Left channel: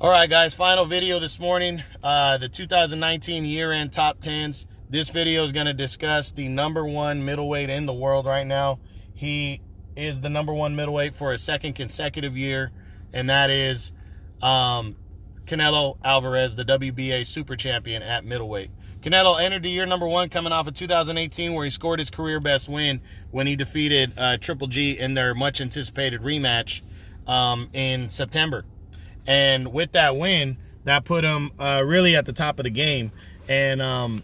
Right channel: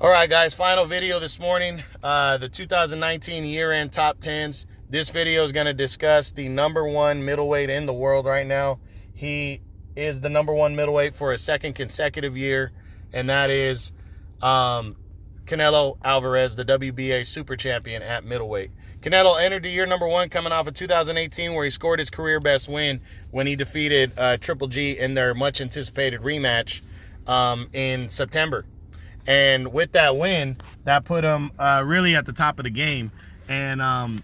All right, guys, final video this morning, the 2019 year-end top 10s. This video is going to discuss the number one middleweight in the world right now. He is the number one middleweight for a second consecutive year, and that is Canelo Alvarez, the WBA super champion at middleweight. Canelo entered the year number one coming off of 2018, where he scored his career best win when he defeated Triple G in their much-anticipated rematch in September. And with that win, that put him really at the top of the game. And,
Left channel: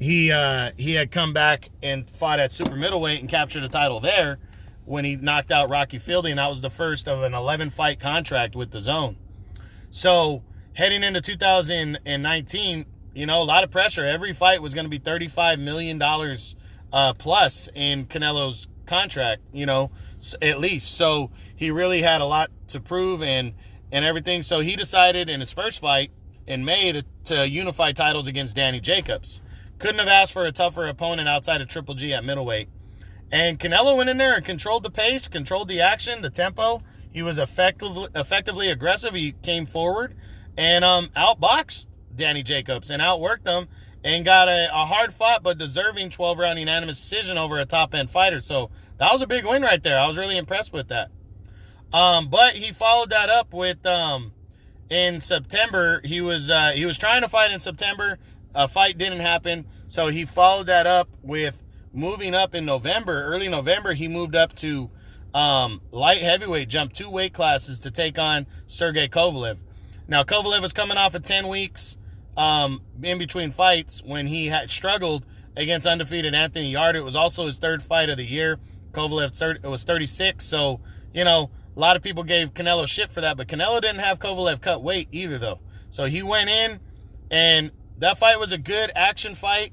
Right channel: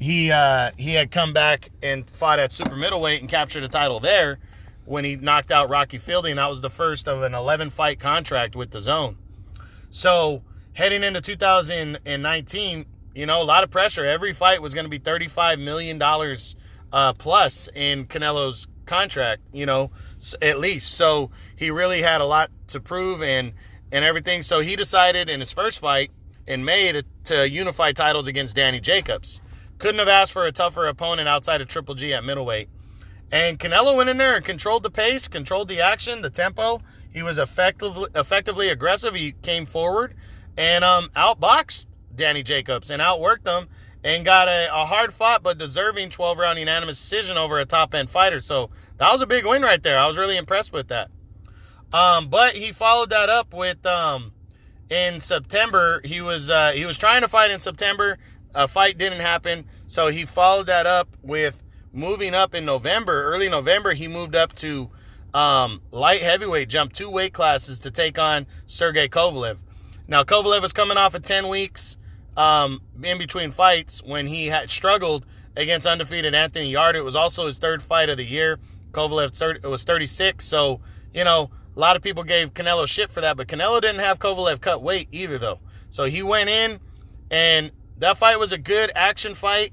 he had come back and fought at super middleweight and captured a title there when he knocked out Rocky Fielding. That was the first of an 11-fight contract with the Zone. So heading into 2019, a lot of pressure. Every fight was going to be $35 million plus in Canelo's contract, at least. So he really had a lot to prove and everything. So he decided in his first fight in May to unify titles against Danny Jacobs. Couldn't have asked for a tougher opponent outside of Triple G at middleweight. And Canelo went in there and controlled the pace, controlled the action, the tempo. He was effectively aggressive. He came forward and outboxed Danny Jacobs and outworked him and got a hard-fought but deserving 12-round unanimous decision over a top-end fighter. So that was a big win right there. I was really impressed with that. But he followed that up with in September. He was trying to fight in September. A fight didn't happen, so he followed that up with moving up in November. Early November, he moved up to light heavyweight, jumped 2 weight classes to take on Sergey Kovalev. Now, Kovalev was coming off of 10 weeks in between fights when he had struggled against undefeated Anthony Yarde. It was also his third fight of the year. Kovalev was 36, so, a lot of people gave Canelo shit for that, but Canelo didn't have Kovalev cut weight either, though. So he went in, and that fight was a good action fight,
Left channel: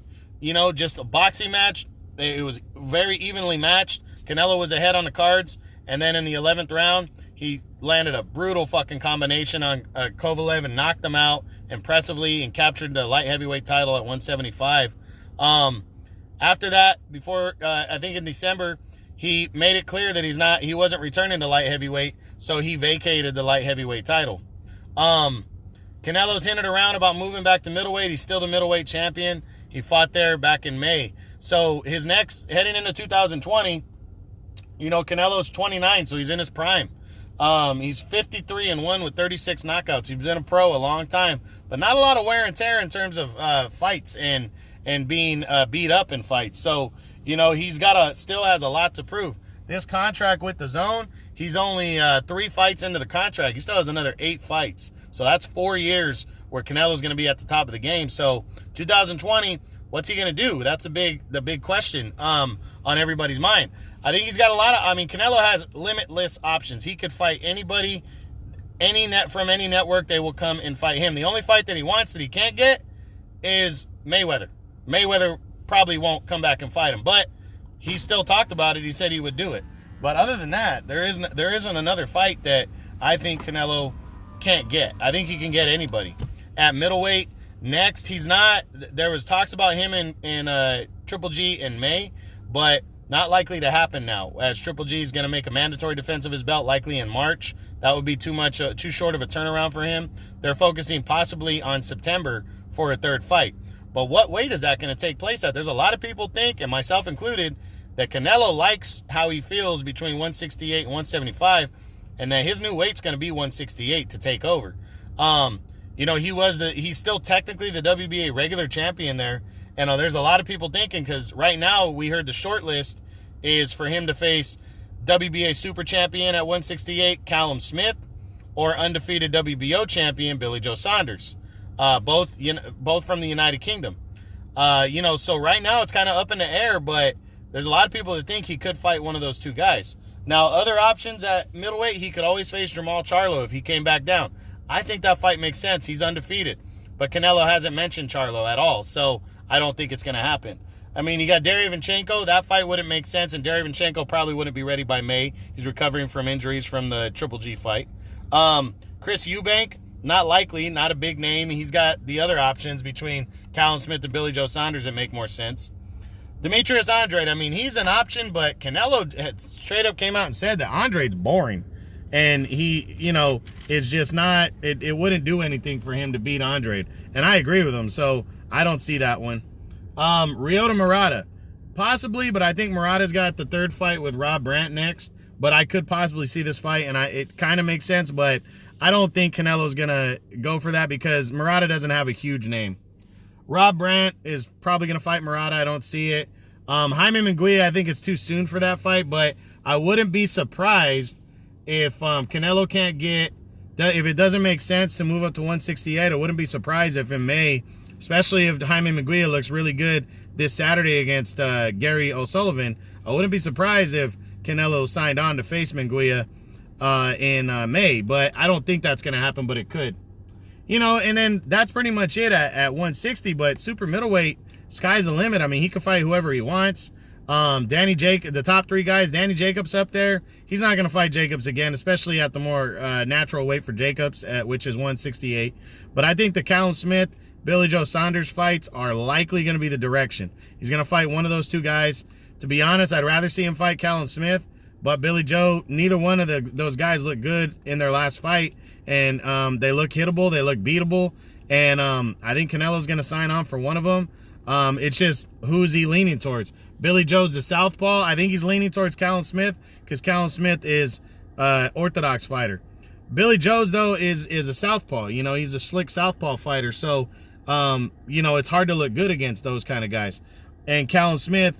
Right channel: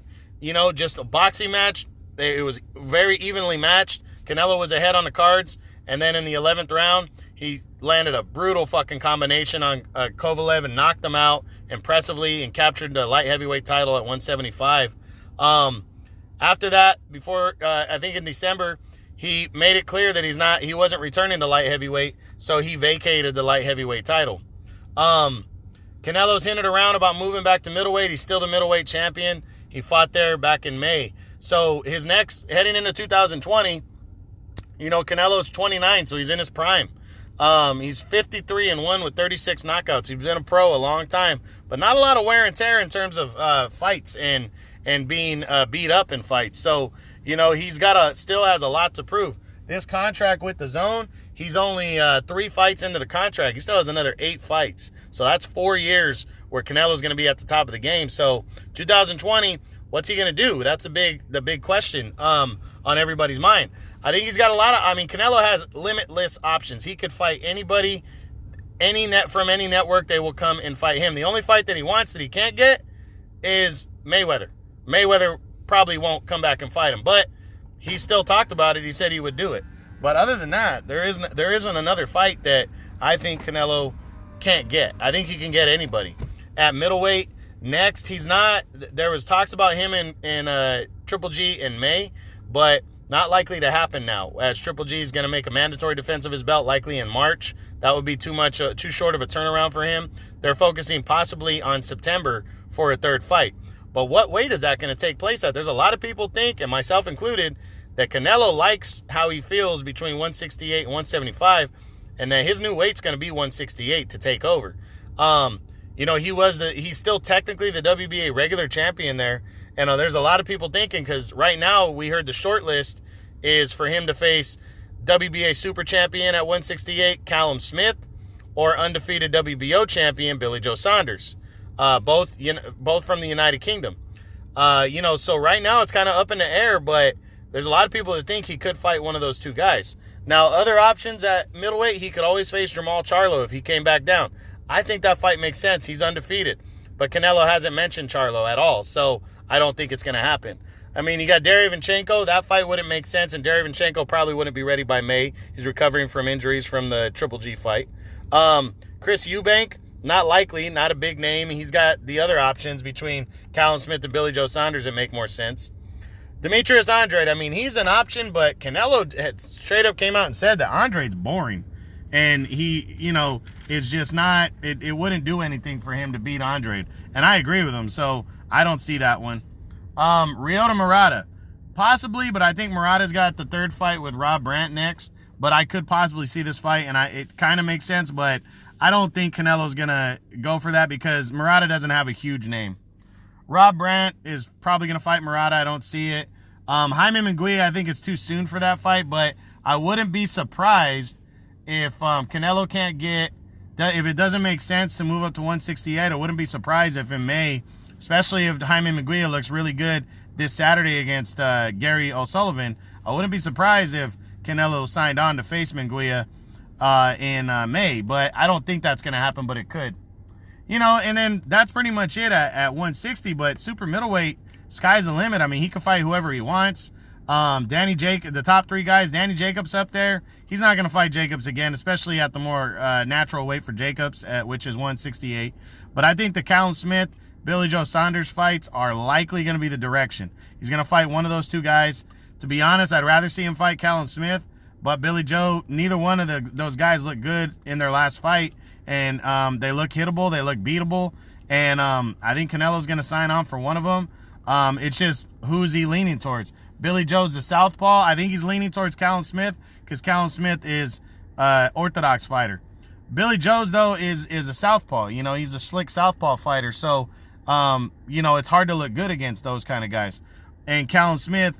just a boxing match. It was very evenly matched. Canelo was ahead on the cards, and then in the 11th round, he landed a brutal fucking combination on Kovalev and knocked him out impressively and captured the light heavyweight title at 175. After that, I think in December, he made it clear that he wasn't returning to light heavyweight, so he vacated the light heavyweight title. Canelo's hinted around about moving back to middleweight. He's still the middleweight champion. He fought there back in May. So his next, heading into 2020, Canelo's 29, so he's in his prime. He's 53-1 with 36 knockouts. He's been a pro a long time, but not a lot of wear and tear in terms of fights and being beat up in fights. So, he's still has a lot to prove. This contract with the Zone, he's only 3 fights into the contract. He still has another 8 fights. So that's 4 years where Canelo's going to be at the top of the game. So 2020, what's he going to do? That's the big question on everybody's mind. I think he's got Canelo has limitless options. He could fight anybody, from any network. They will come and fight him. The only fight that he wants that he can't get is Mayweather. Mayweather probably won't come back and fight him, but he still talked about it. He said he would do it. But other than that, there isn't another fight that I think Canelo can't get. I think he can get anybody. At middleweight, next, there was talks about him in Triple G in May, but not likely to happen now, as Triple G is going to make a mandatory defense of his belt likely in March. That would be too short of a turnaround for him. They're focusing possibly on September for a third fight. But what weight is that going to take place at? There's a lot of people think, and myself included, that Canelo likes how he feels between 168 and 175, and that his new weight's going to be 168 to take over. He's still technically the WBA regular champion there, and there's a lot of people thinking, because right now we heard the short list is for him to face WBA super champion at 168, Callum Smith, or undefeated WBO champion Billy Joe Saunders. Both from the United Kingdom. So right now it's kind of up in the air, but there's a lot of people that think he could fight one of those 2 guys. Now, other options at middleweight, he could always face Jamal Charlo if he came back down. I think that fight makes sense. He's undefeated. But Canelo hasn't mentioned Charlo at all, so I don't think it's going to happen. You got Derevyanchenko. That fight wouldn't make sense, and Derevyanchenko probably wouldn't be ready by May. He's recovering from injuries from the Triple G fight. Chris Eubank, not likely, not a big name. He's got the other options between Callum Smith and Billy Joe Saunders that make more sense. Demetrius Andrade, he's an option, but Canelo had straight up came out and said that Andrade's boring. And he, is just not, it wouldn't do anything for him to beat Andre. And I agree with him, so I don't see that one. Ryota Murata. Possibly, but I think Murata's got the third fight with Rob Brandt next. But I could possibly see this fight, and it kind of makes sense, but I don't think Canelo's going to go for that because Murata doesn't have a huge name. Rob Brandt is probably going to fight Murata. I don't see it. Jaime Munguia, I think it's too soon for that fight, but I wouldn't be surprised if Canelo can't get, if it doesn't make sense to move up to 168, I wouldn't be surprised if in May, especially if Jaime Munguia looks really good this Saturday against Gary O'Sullivan, I wouldn't be surprised if Canelo signed on to face Munguia in May, but I don't think that's going to happen, but it could. And then that's pretty much it at 160, but super middleweight, sky's the limit. I mean, he can fight whoever he wants. The top three guys, Danny Jacobs up there, he's not going to fight Jacobs again, especially at the more natural weight for Jacobs, which is 168. But I think the Callum Smith, Billy Joe Saunders fights are likely going to be the direction. He's going to fight one of those two guys. To be honest, I'd rather see him fight Callum Smith, but Billy Joe, neither one of those guys look good in their last fight, and they look hittable, they look beatable, and I think Canelo's going to sign on for one of them. It's just, who's he leaning towards? Billy Joe's the southpaw. I think he's leaning towards Callum Smith because Callum Smith is orthodox fighter. Billy Joe's, though, is a southpaw. He's a slick southpaw fighter, so, it's hard to look good against those kind of guys. And Callum Smith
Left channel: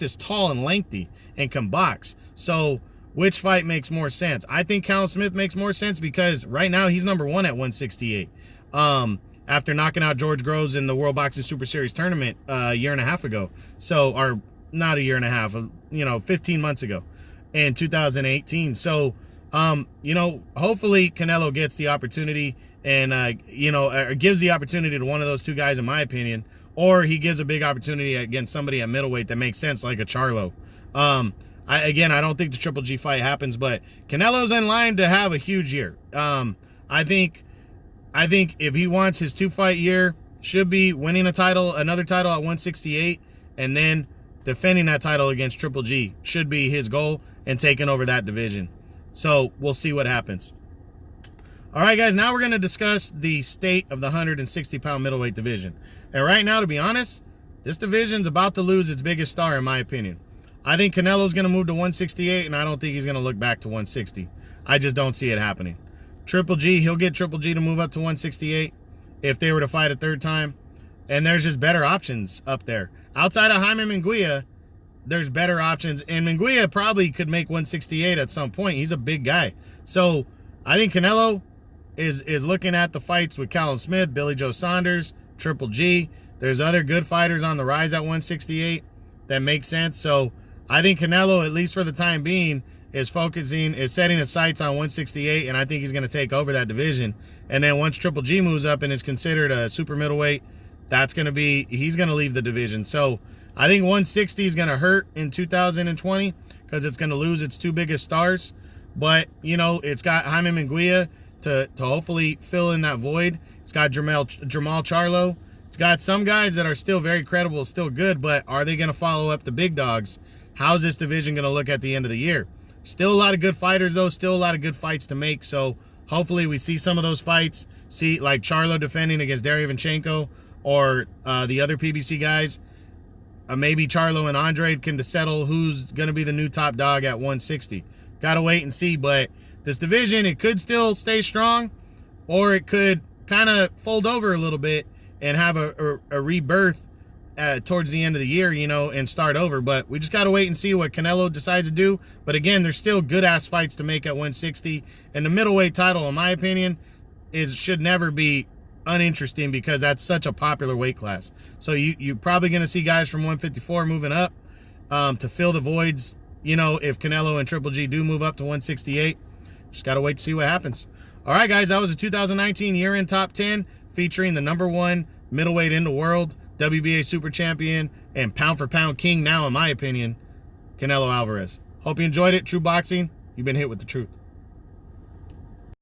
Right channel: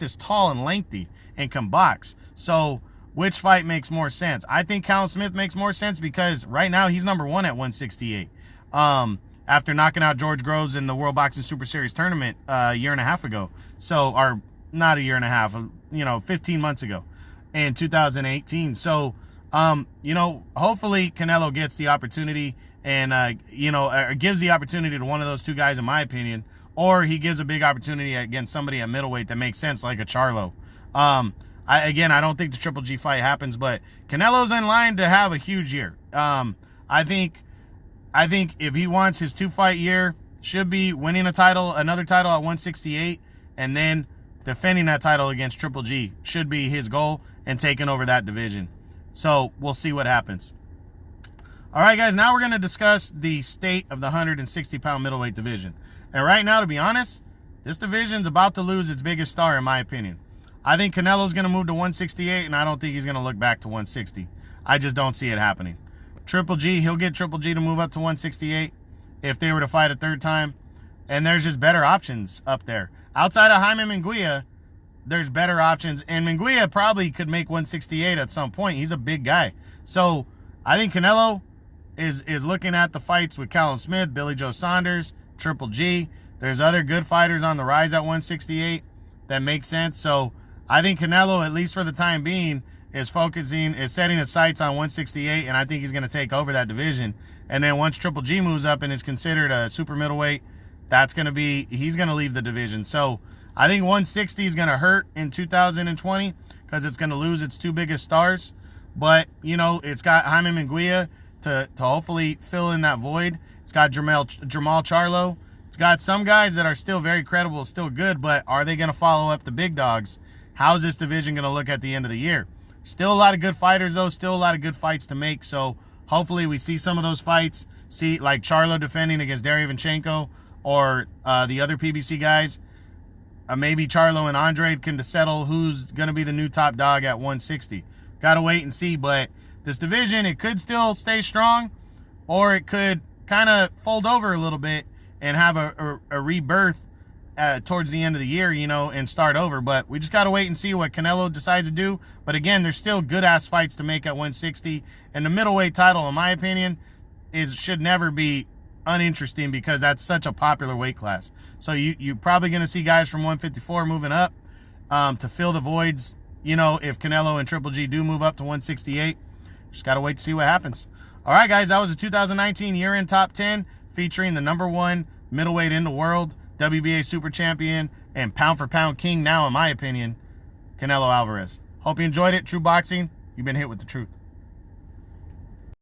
is tall and lengthy and can box. So which fight makes more sense? I think Callum Smith makes more sense because right now he's number one at 168. After knocking out George Groves in the World Boxing Super Series tournament a year and a half ago. So, or not a year and a half, 15 months ago in 2018. So, hopefully Canelo gets the opportunity and, gives the opportunity to one of those two guys, in my opinion, or he gives a big opportunity against somebody at middleweight that makes sense, like a Charlo. I don't think the Triple G fight happens, but Canelo's in line to have a huge year. I think if he wants his 2-fight year, should be winning another title at 168, and then defending that title against Triple G should be his goal, and taking over that division. So we'll see what happens. All right, guys, now we're going to discuss the state of the 160-pound middleweight division. And right now, to be honest, this division's about to lose its biggest star, in my opinion. I think Canelo's going to move to 168, and I don't think he's going to look back to 160. I just don't see it happening. Triple G, he'll get Triple G to move up to 168 if they were to fight a third time. And there's just better options up there. Outside of Jaime Munguia, there's better options. And Munguia probably could make 168 at some point. He's a big guy. So I think Canelo is looking at the fights with Callum Smith, Billy Joe Saunders, Triple G. There's other good fighters on the rise at 168 that make sense. So I think Canelo, at least for the time being, is setting his sights on 168, and I think he's going to take over that division. And then once Triple G moves up and is considered a super middleweight, he's going to leave the division. So I think 160 is going to hurt in 2020 because it's going to lose its two biggest stars. But, it's got Jaime Munguia to hopefully fill in that void. It's got Jamal Charlo. It's got some guys that are still very credible, still good, but are they going to follow up the big dogs? How's this division going to look at the end of the year? Still a lot of good fighters, though. Still a lot of good fights to make. So hopefully we see some of those fights. See, like Charlo defending against Derevyanchenko or the other PBC guys. Maybe Charlo and Andre can settle who's going to be the new top dog at 160. Got to wait and see. But this division, it could still stay strong, or it could kind of fold over a little bit and have a rebirth towards the end of the year, and start over. But we just got to wait and see what Canelo decides to do. But again, there's still good-ass fights to make at 160. And the middleweight title, in my opinion, should never be uninteresting because that's such a popular weight class. So you're probably going to see guys from 154 moving up to fill the voids, if Canelo and Triple G do move up to 168. Just got to wait to see what happens. All right, guys, that was the 2019 year-end top 10 featuring the #1 middleweight in the world, WBA super champion, and pound-for-pound king now, in my opinion, Canelo Alvarez. Hope you enjoyed it. True Boxing, you've been hit with the truth.